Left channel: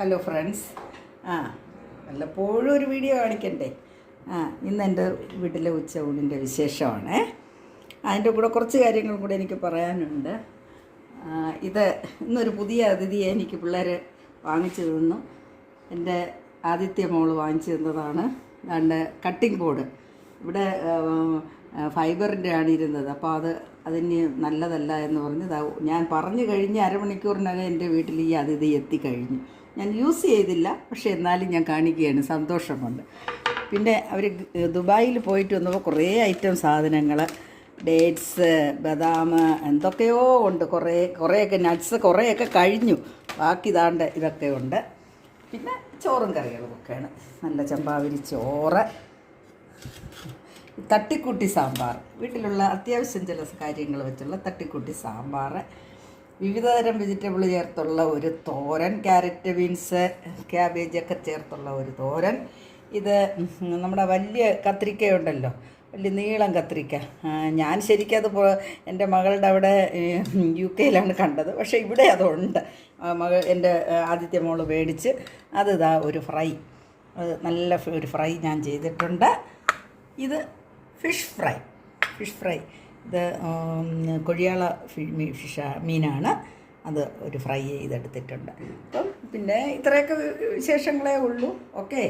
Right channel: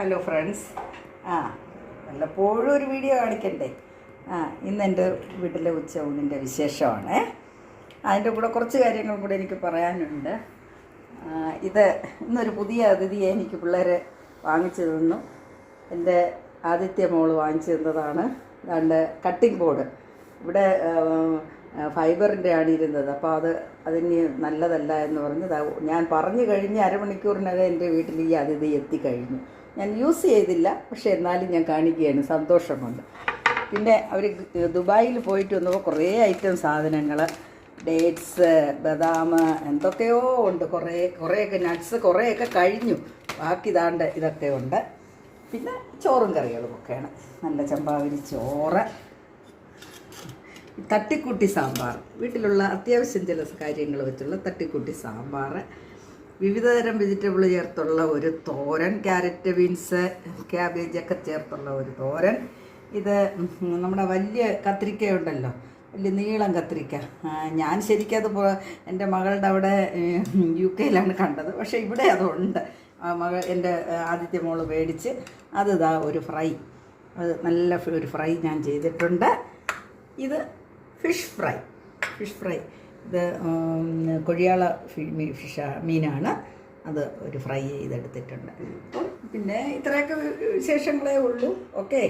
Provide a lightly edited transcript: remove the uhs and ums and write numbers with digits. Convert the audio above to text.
Hello friends. വല്ലപ്പോഴും ഒരു video കാണിക്കണ്ടേ. ഇന്ന് എൻ്റെ വീട്ടിലെ ഉച്ചയൂണിൻ്റെ വിശേഷമാണ്. അതിൻ്റെ കൂടെ കുറച്ച് കാര്യങ്ങൾ കൂടെ എനിക്ക് പറയാനുണ്ട്. ഇന്നൊരു പുതിയ അതിഥിയെ എനിക്ക് പിള്ളേർ വാങ്ങിച്ചു തന്നു. എൻ്റെ ആദ്യത്തെ മോള് വാങ്ങിച്ചു തന്നതാണ്. അതുകൊണ്ട് കട്ടിംഗ് ബോർഡ് ഇവിടെ ഫൈബറിൻ്റെ ആണ് ഇരുന്നത്. അപ്പോൾ അതിന് നല്ലതല്ല എന്ന് പറഞ്ഞ് ഞാൻ പറഞ്ഞു കഴിഞ്ഞ് അരമണിക്കൂറിനകം എൻ്റെ വീട്ടിൽ ഈ അതിഥി എത്തിക്കഴിഞ്ഞു. ഞാൻ യൂസ് ചെയ്തില്ല, പക്ഷേ എന്നാലും ഞാൻ കാണിക്കുകയാണ്, സന്തോഷമുണ്ട്. പിന്നെ അവർ ദുബായിൽ പോയിട്ട് വന്നപ്പോൾ കുറേ ഐറ്റം സാധനങ്ങൾ, ഡേറ്റ്സ്, ബദാം, എന്തൊക്കെയോ ഉണ്ട്. കുറേയൊക്കെ നട്ട്സ് കുറേയൊക്കെ കഴിഞ്ഞു. ബാക്കി ഇതൊക്കെ ഉണ്ട്. പിന്നെ ചോറും കറികളും ഒക്കെയാണ്. നല്ല ചമ്പാവരി ചോറ്, തട്ടിക്കൂട്ടി സാമ്പാർ, വീട്ടിലുള്ള അത്യാവശ്യം ചില കാര്യങ്ങൾ വെച്ചുള്ള തട്ടിക്കൂട്ടി സാമ്പാർ, വിവിധതരം വെജിറ്റബിൾ ചേർത്തുള്ള ഒരു തോരൻ, ക്യാരറ്റ്, ബീൻസ്, ക്യാബേജൊക്കെ ചേർത്തുള്ള ഒരു തോരൻ. ഇത് നമ്മുടെ വലിയ കത്രിക്കയുണ്ടല്ലോ, വലിയ നീളം കത്രിക്ക. ഞാൻ ശരിക്കും എൻ്റെ മകളുടെ അവിടെ UK കണ്ടത്, പക്ഷേ ഇവിടെ അതുണ്ട്. എൻ്റെ ആദ്യത്തെ മോള് മേടിച്ച് ഒരു ഫ്രൈ, നല്ല ഒരു ഫ്രൈ ഞാൻ ചെയ്തിട്ടുണ്ട്. ഇത് ഫിഷ് ഫ്രൈ. ഇത് കൊഴിയാള മീനാണ്. അത് ഒരു ഫ്രൈ ചെയ്തെടുത്തിട്ടുണ്ട്. അപ്പം പിന്നെ ഇത്രയൊക്കെ വിശേഷങ്ങളേ ഉള്ളൂ. ഓക്കെ.